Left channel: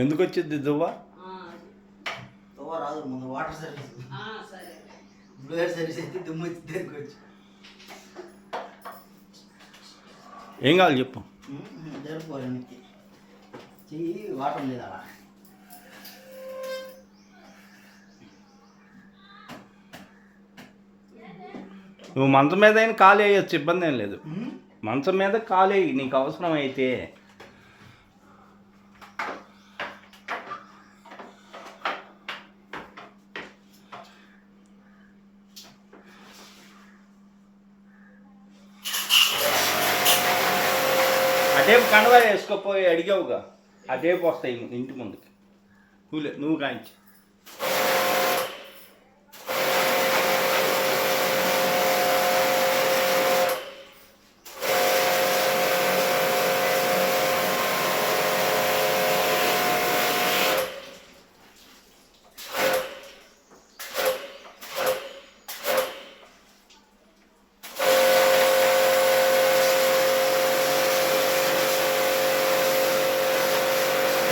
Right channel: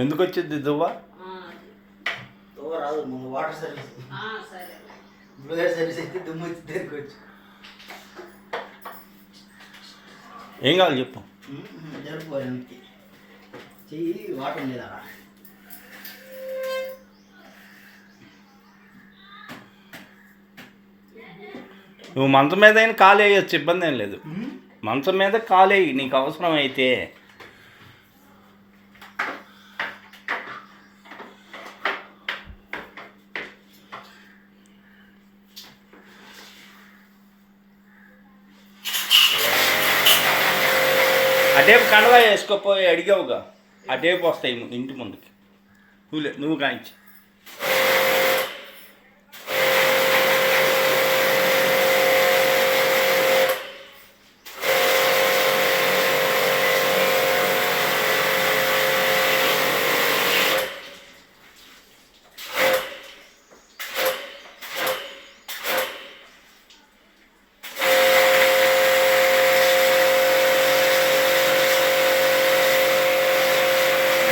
ఎందుకు వచ్చింది దువ్వ? రాదు ముందు వాటర్ సర్వీస్ బ్లోయర్ సర్వీస్ అయితే దుమ్ము వచ్చి దగ్గరకు ఏం కావాలి చెప్పు. జరుపుకోవడానికి చెయ్యి వాటర్ ఉంది కదా. నువ్వు మంచం మీద అయినా కాలు వేయచ్చు, ఇబ్బంది ఏం లేదు. మంచం మీద కాలు వేయి నీకు అవసరం అయితే. అటేపు కండవా వేసుకోపోయి అడిగావుగా, అటేపు వస్తాయి ఇంటి ముందుకి. నువ్వు కాయించి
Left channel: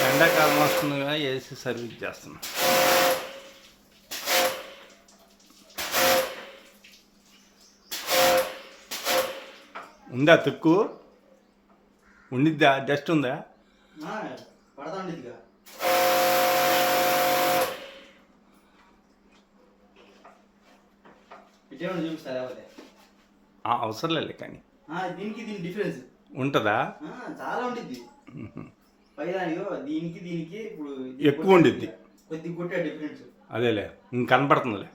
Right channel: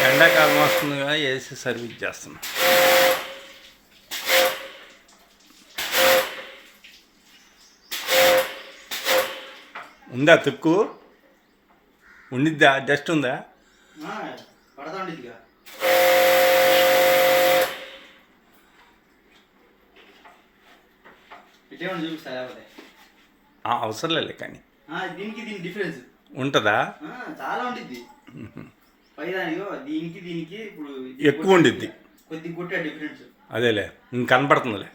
ఎండాకాలం వస్తుందిగా ఏసీ సర్వీస్ చేస్తున్నా. ఉందా తుక్కు? ఉండిద్దా? డస్ట్ ఉందా? అవసరం లేదు కానీ ఉంటుందా? చాలా ఉంటుంది. దీనికి దీనికి ఇప్పుడు ఎక్కువ ఉండిద్ది కొద్ది కొట్టే డిఫరెన్స్. అదేలే ఇంక కనపడుతుందిలే.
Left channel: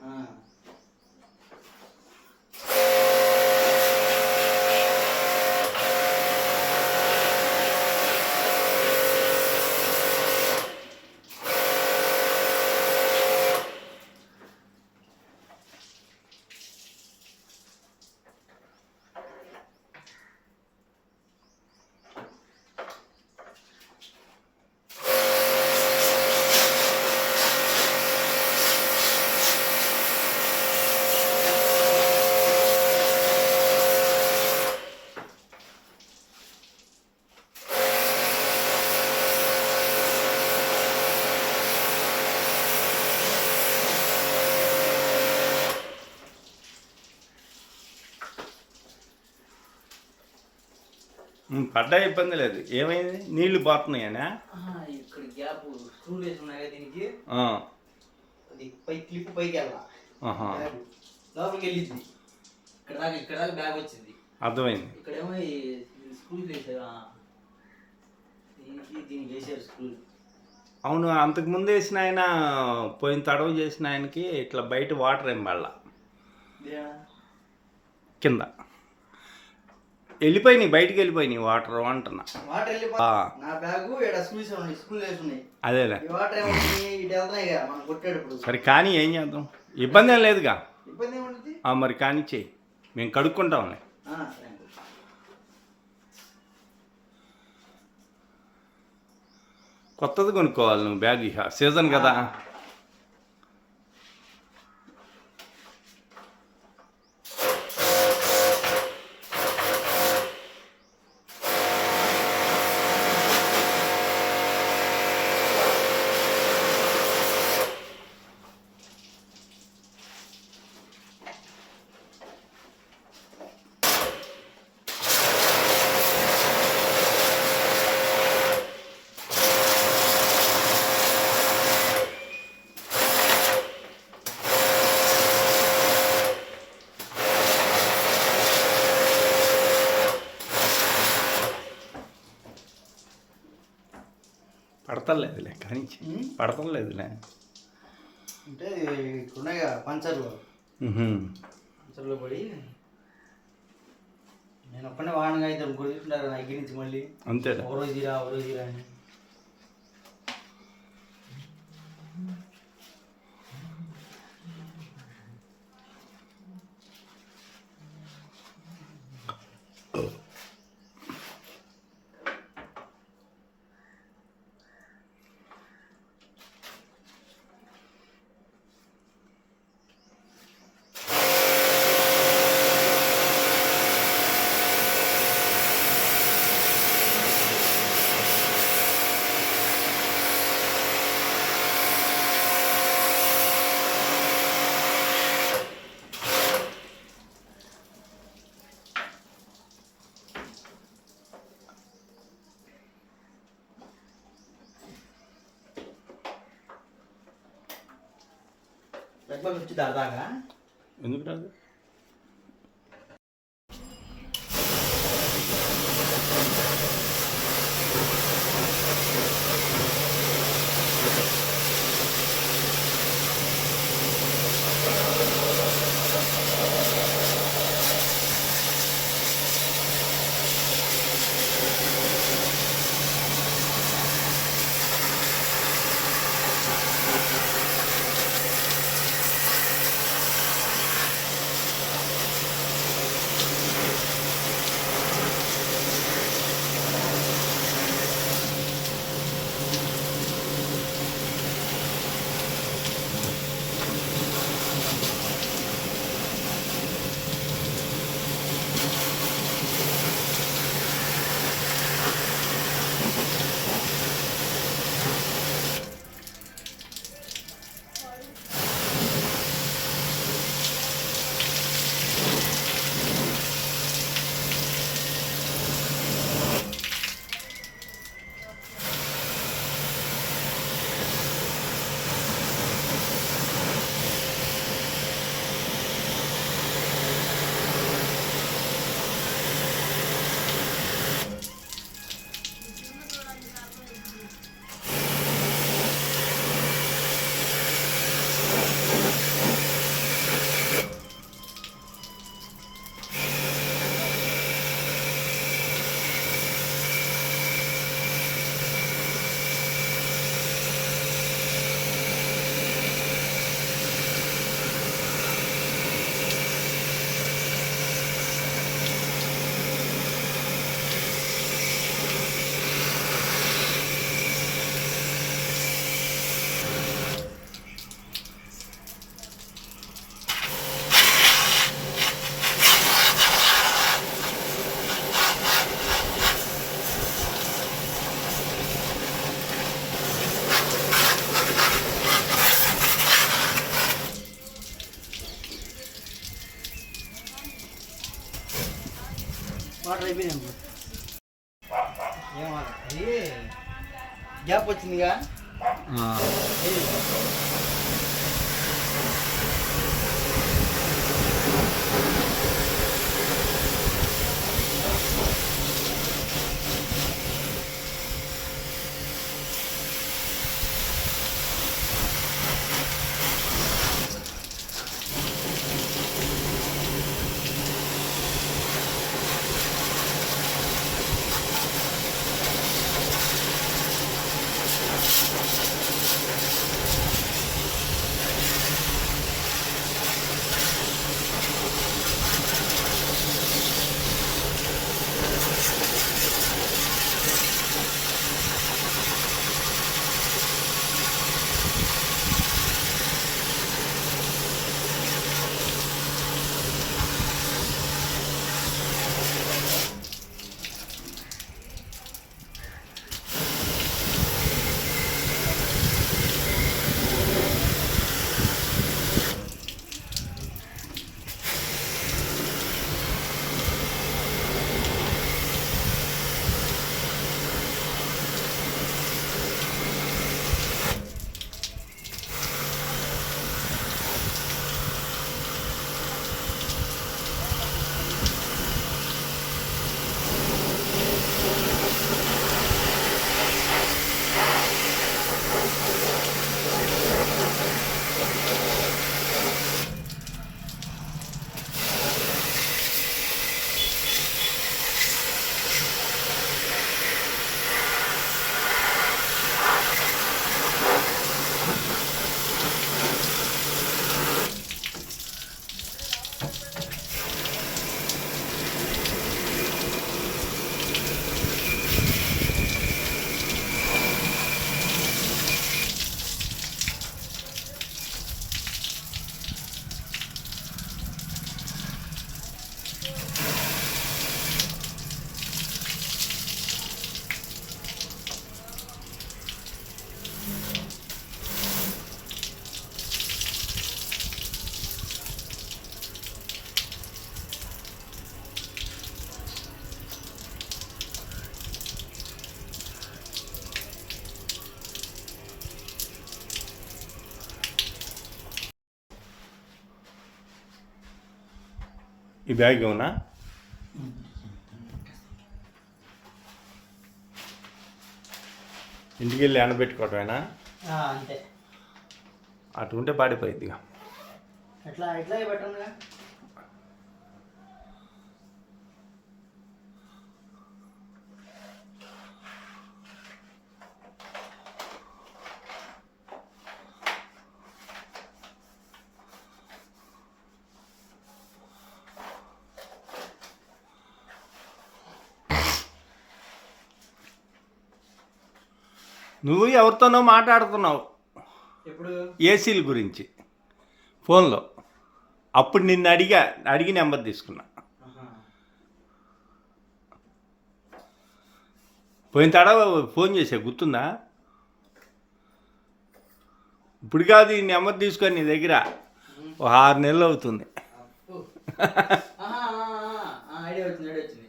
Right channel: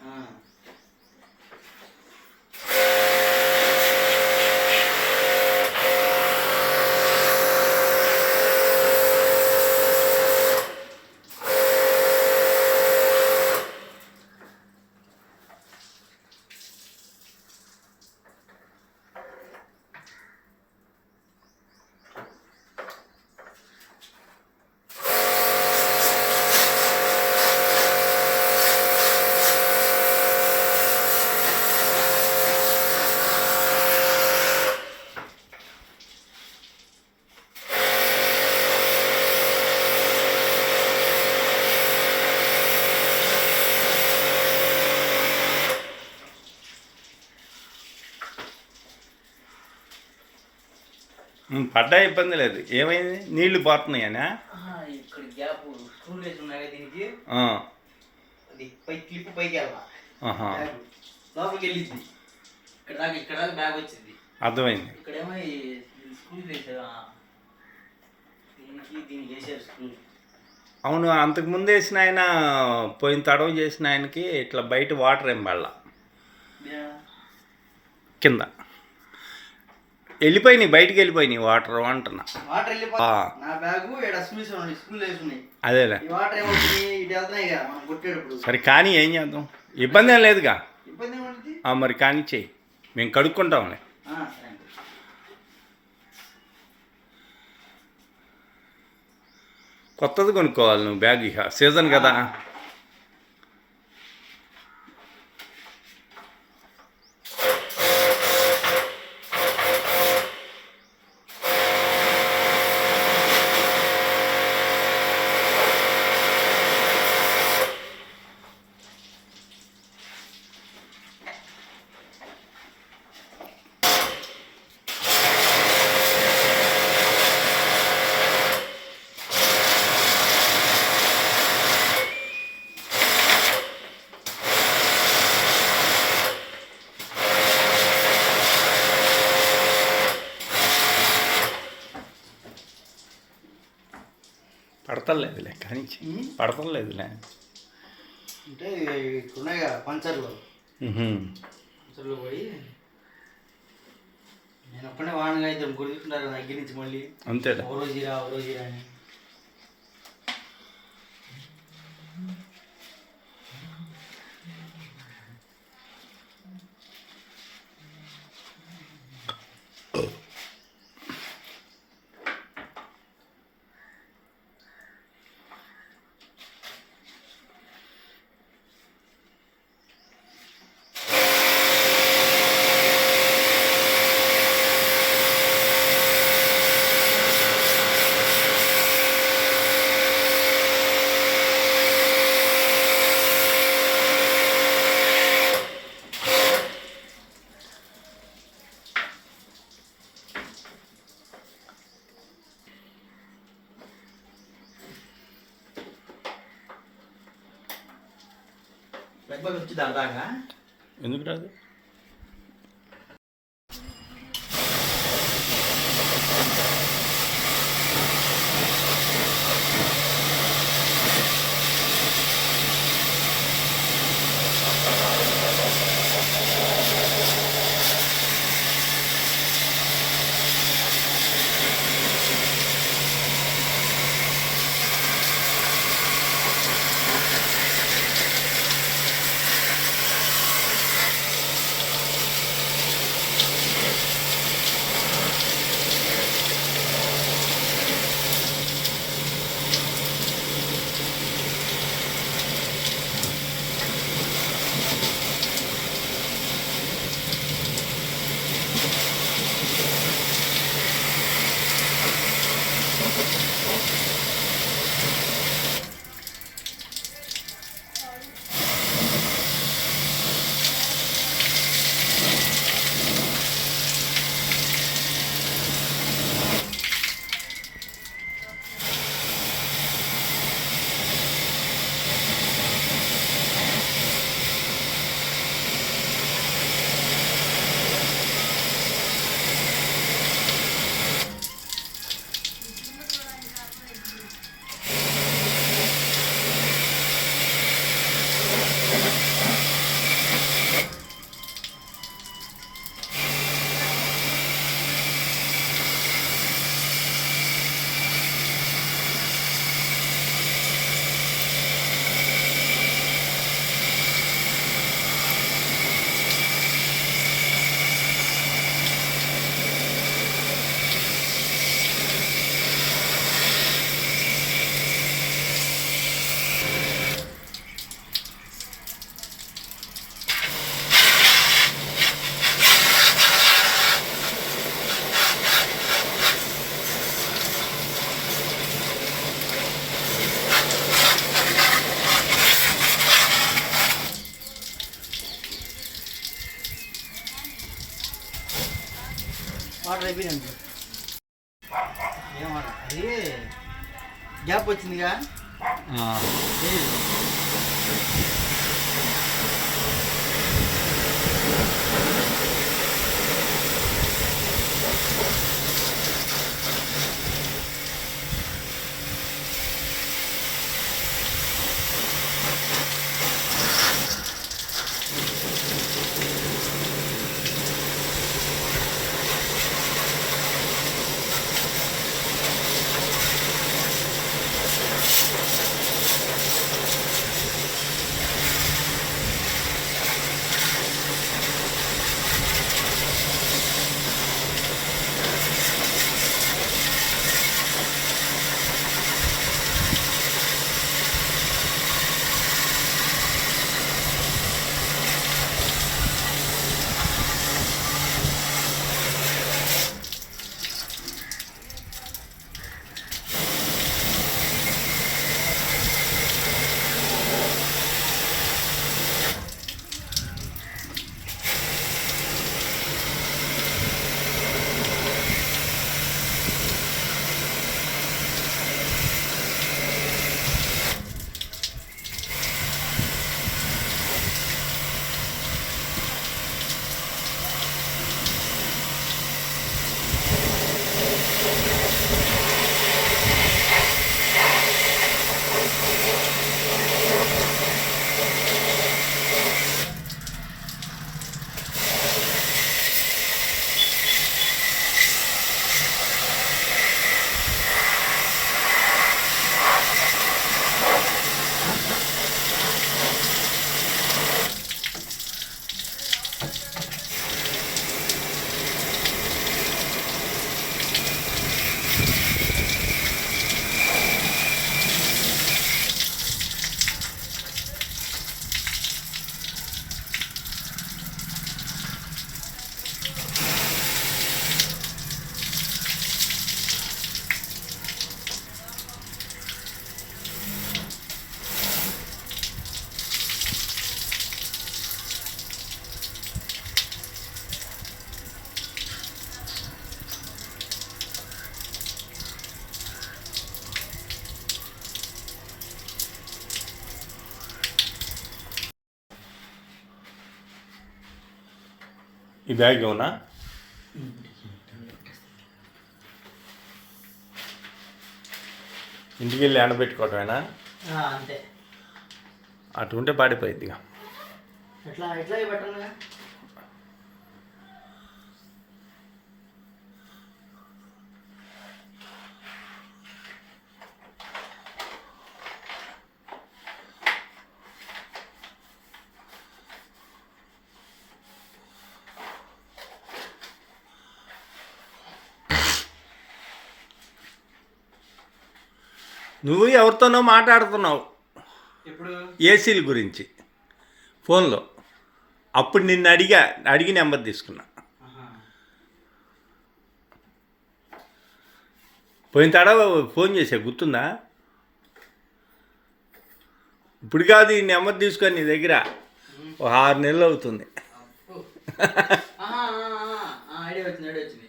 పడ్డా ఇబ్బంది లేదు. ఏమైంది? నీళ్లు పోతున్నాయనా? ఇక్కడ గ్యాప్ స్క్రూ వేసి ఉన్నాయి దీనికి. అది పై క్లిప్ పైకి వెళ్ళాలి, లోపలికి వెళ్ళింది. ఇక్కడ దాకా బ్యాగ్ వచ్చింది. అర్థమైంది. ఇక్కడేమో స్క్రూ వేసారు, దీనికి వేసారు స్క్రూ. అవును, అంతకుముందు వేసిన ఆయన పోయిన తడవ చేసిన ఆయనకి ఇట్లా బయట వాటర్ ఏం పడాల, కింద వెళ్ళిపోయినాయి, బయటికి వెళ్ళిపోయినాయి వాటర్ అంటున్నా. అదేలే సరే కానీ ఏం చేద్దాం, ఇబ్బంది ఏం లేదుగా. మరి కానీ చెయ్యి, మేము కడుక్కుంటాంలే. కొత్తది కొనుక్కోవాలి నువ్వు బ్యాగ్, ఇక సీజన్ కదా. పడతలేదులే కానీ పడతలేదులే అంటే ఇక్కడున్నాయి కదా పంచర్లు, పంచర్లు పోయి నేను ఒక్కడే వాడిగా అయితే గుర్తుంటారు దగ్గర నుంచి మళ్ళీ అంతే. ఓ రోజీరా అని. దగ్గర వచ్చి దాదాగా ఎందుకు రాదు? వాటర్ అయిపోయింది. అది గ్యాప్ వచ్చిందిగా. ఈ బ్యాగ్ అవునా? ఇంటికి వెళ్ళి ఎండబెట్టుకోవటమేనా? అంతే. అటు ఉంటే పాడిపోయింది ఇక. ఎట్లా ఎట్లా పెట్టంగా. నువ్వు ఎవరితోనో మాట్లాడుతున్నావు ఇప్పుడు ఏసీల గురించి ఫోన్లో. అప్పుడు నిన్ను అడిగి నెంబర్ తీసుకున్నా. పోయిన తడవ ఫోన్ చేసా, గుర్తుందా? ఇప్పుడు కాదు, ఈ నెంబర్ తీసుకొని నీ దగ్గర 6 నెలలు అవుతుంది. ఐడియా వచ్చింది.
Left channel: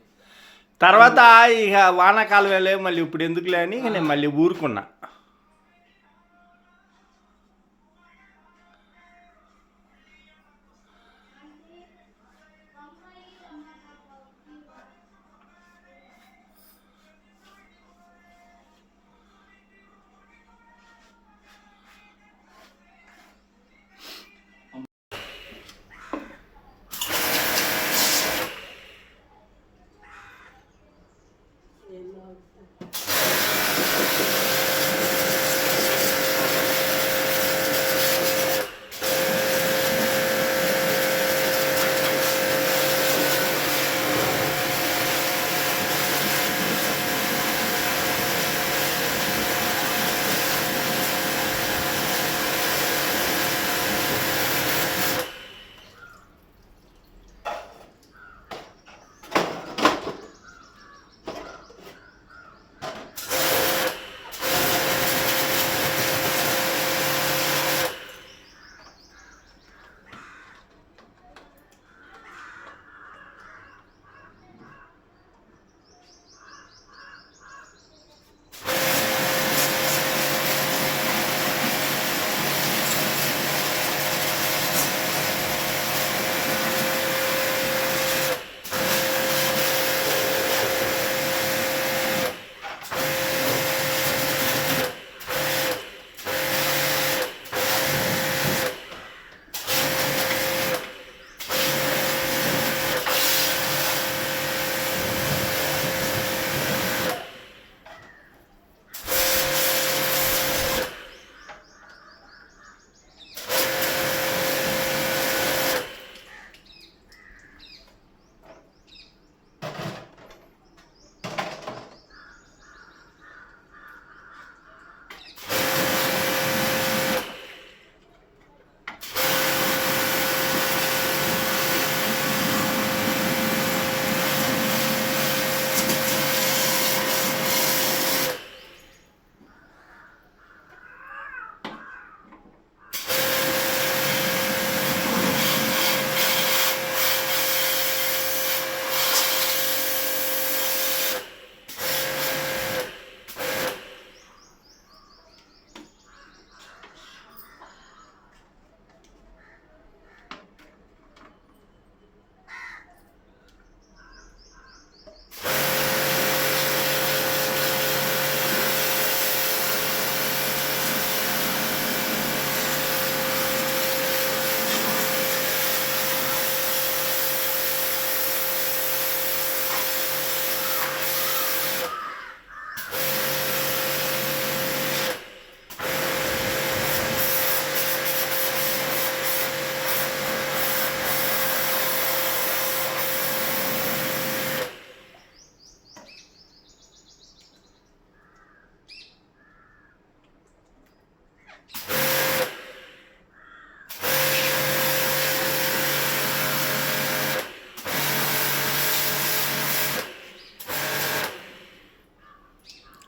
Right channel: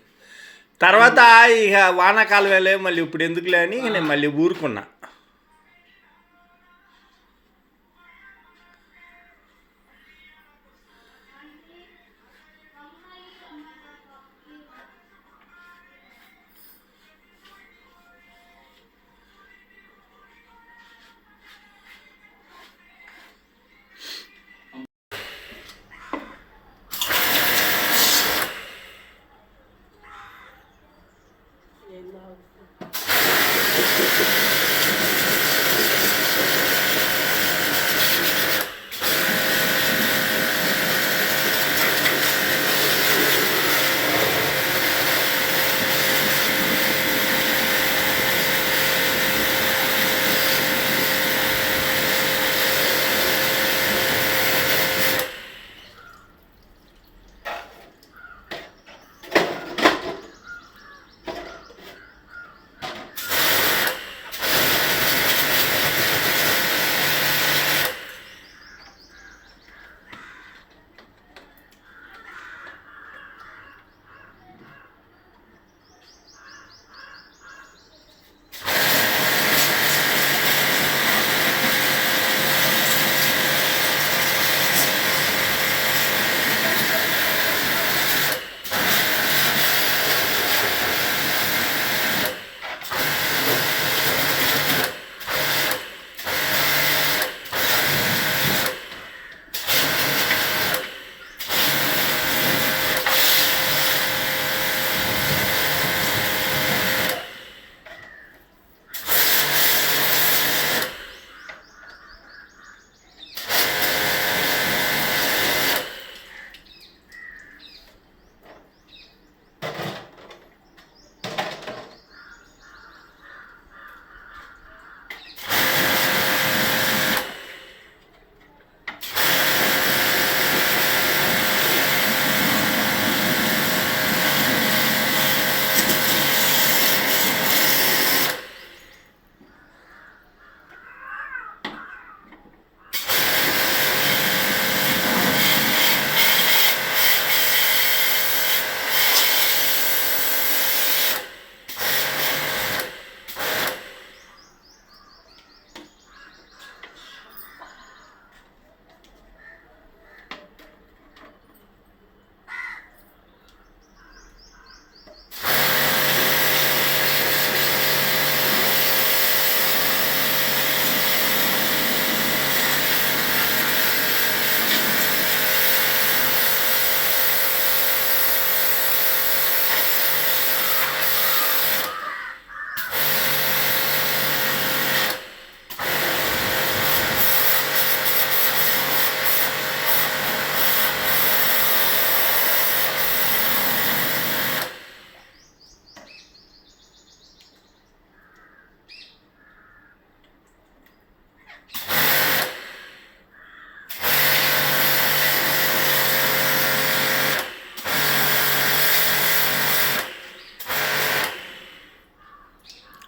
తర్వాత ఇక వానాకాలం వెళ్ళే మళ్ళీ ఇప్పుడు ఎందుకులే అని నేను మళ్ళీ ఊరుకున్నా.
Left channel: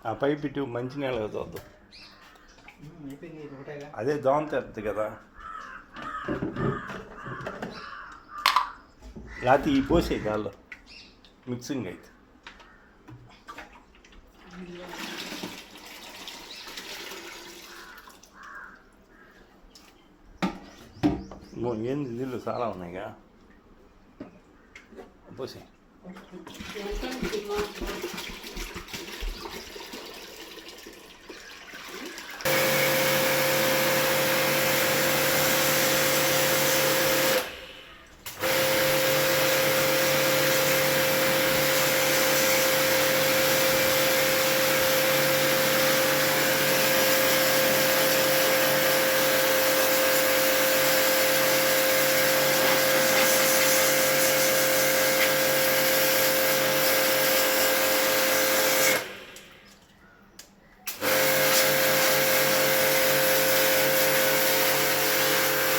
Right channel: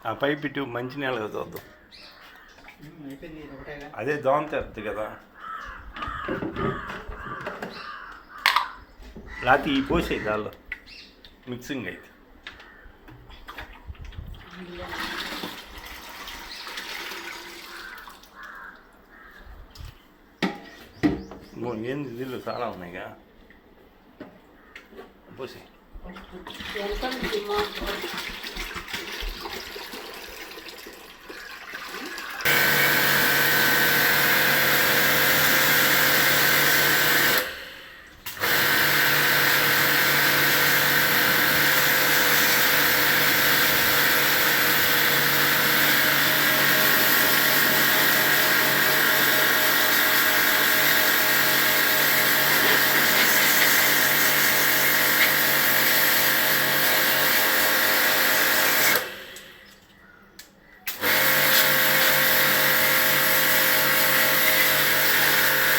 ఆ పైప్ ఇటు మంచి నీళ్ళ చూద్దాం. అదే దోమ తెరుతుంది కదా. లేకపోతే ఈ పోసే దానిలో మిక్సింగ్ అయితే ఏంది నీళ్ళు చాలా ఉన్నాయిగా. పోసే.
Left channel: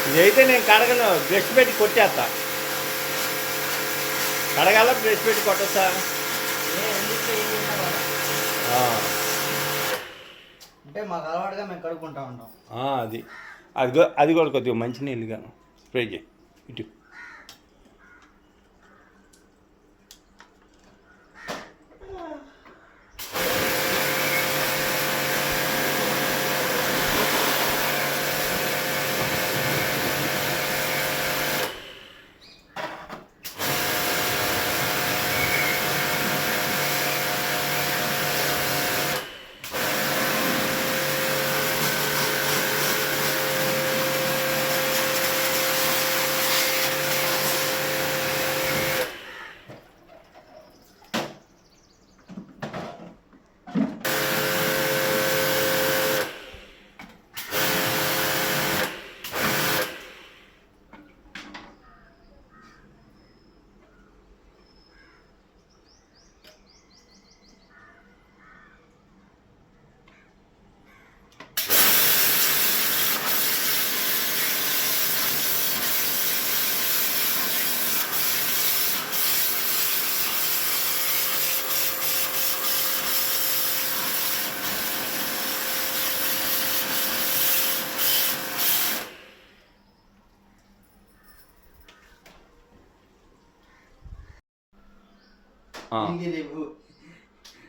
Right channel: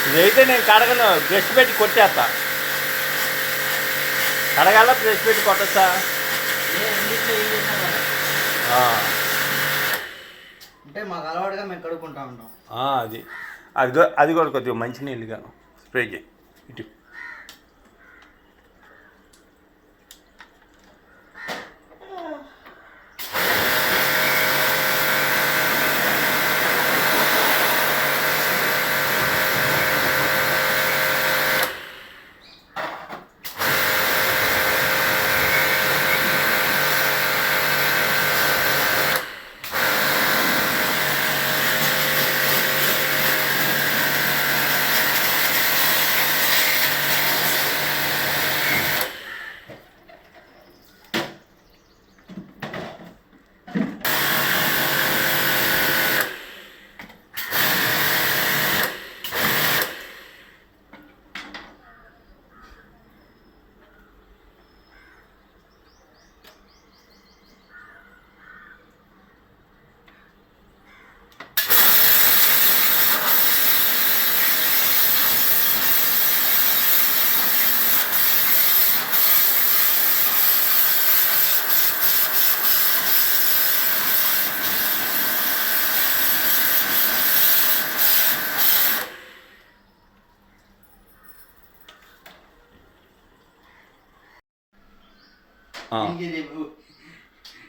ఇదైతే నేను కడగను, బ్రష్ పెట్టి కొట్టేస్తా. కడగాల బ్రష్ పెట్టి కొట్టచ్చా? అంటే మాకు అలవాటుగా మేము కడుక్కుంటా ఉంటాం. అది అది అది కూడా కొద్దిగా మంచి నీళ్ళుగా స్ప్రే చేయి ఇటు.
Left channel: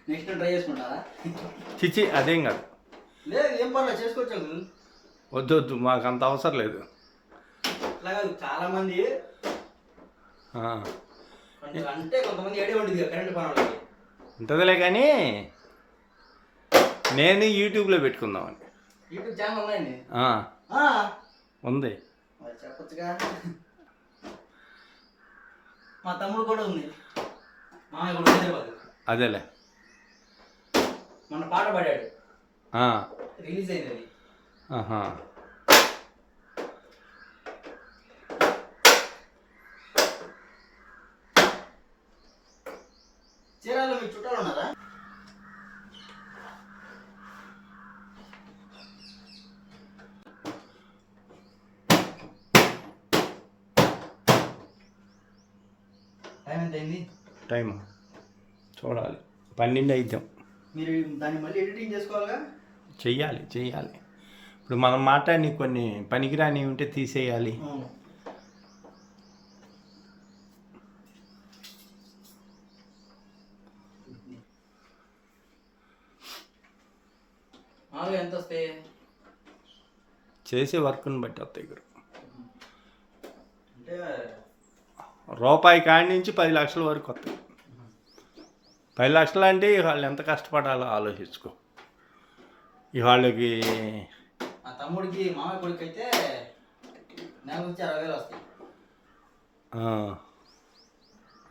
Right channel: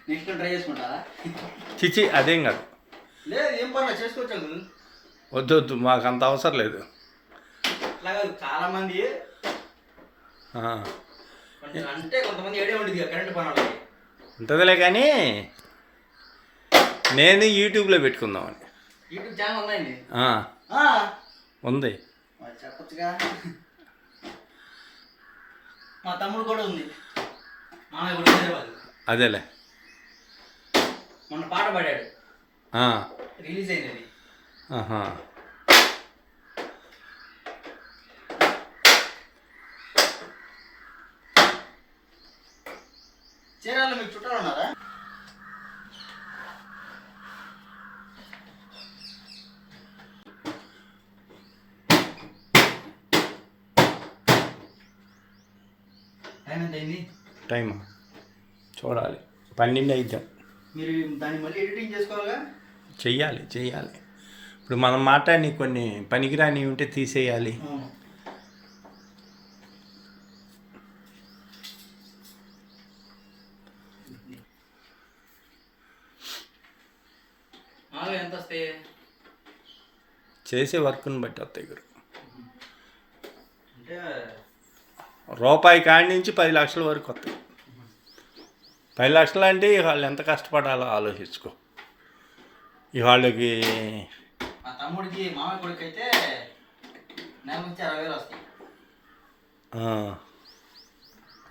నెక్స్ట్ ట్రై చేసుకుంటారా? చిచి అదేం కాదు. లేదు, ఏం పర్లేదు, చేసుకోవచ్చు. వద్దు వద్దు, మాకు అంత అవసరం లేదు. అట్లా కాదు, చాలా మంది అంటే కొంతమంది ఏడే ఉండేది కరెంట్ పనులకి ఉంటుందిలే, కానీ నేను యూట్యూబ్లో పెట్టుకుందామని. యూట్యూబ్ ఛానల్ ఉందండి? ఉంది, చెప్పచ్చుగా. మా తమ్ముడు కూడా ఉంది, మామయ్య కూడా హైదరాబాద్. అదేలే, మొన్న పాట పాడాడు, రిలీజ్ అయింది అది. చీరాల్లో మీకు చుట్టాలు ఉన్నారా? టైం ఎంత అయింది? టైమా చూడాలి, 12 అయిద్దాం. మీరు దాన్ని మళ్ళీ ఎడిటింగ్ చేసుకోవాలిగా? చెయ్యాలి. ఇప్పుడు మనం మాట్లాడి కొన్ని పనికిరాని ఉంటే తీసేయాలి. ఎంత వస్తాయి? చేసే వర్క్ని బట్టి వస్తాయి గురు. అంటే రూపాయి కాడి నుంచి 10 లక్షల వరకు వస్తాయి. 10 లక్షలు అంటే వాళ్ళు ఎంత కష్టపడాలో ఆలోచించుకో. వాళ్ళకి మా తమ్ముడికి మామయ్య కొడుకు అయితే నెల నుంచి 60,000 వస్తాయి.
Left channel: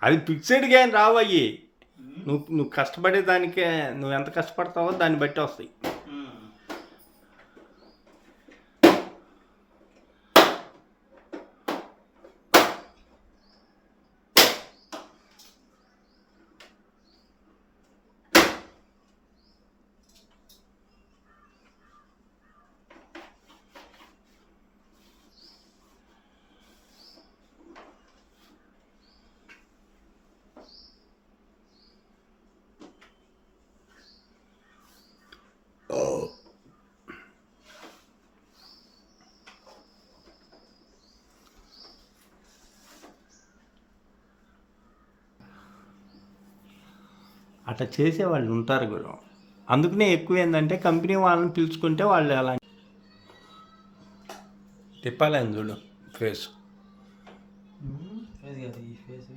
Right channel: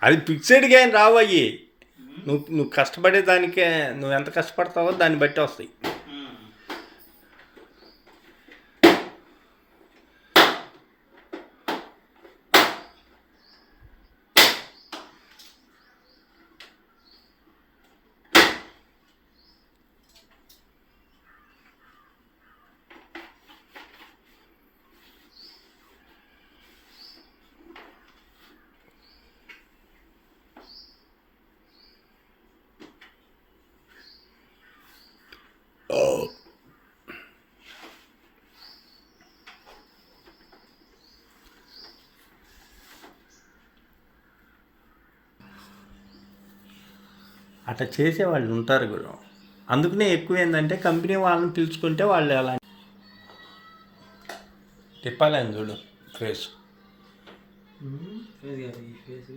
అది ఫిక్స్డ్గా ఏం రావయ్యి. నువ్వు కష్టపడే దానికే, నువ్వు ఎంత కష్టపడతావో దాన్ని బట్టి వస్తాయి. అట్లా చేసేవాళ్ళు ఉంటారు గురు. అందుకనే ఎక్కువ ఏంటంటే కంపెనీ వాళ్ళని పిలుచుకుంటే వాళ్ళు అలా తిప్పాలని చూడు ఫేస్. ఈ ఫేస్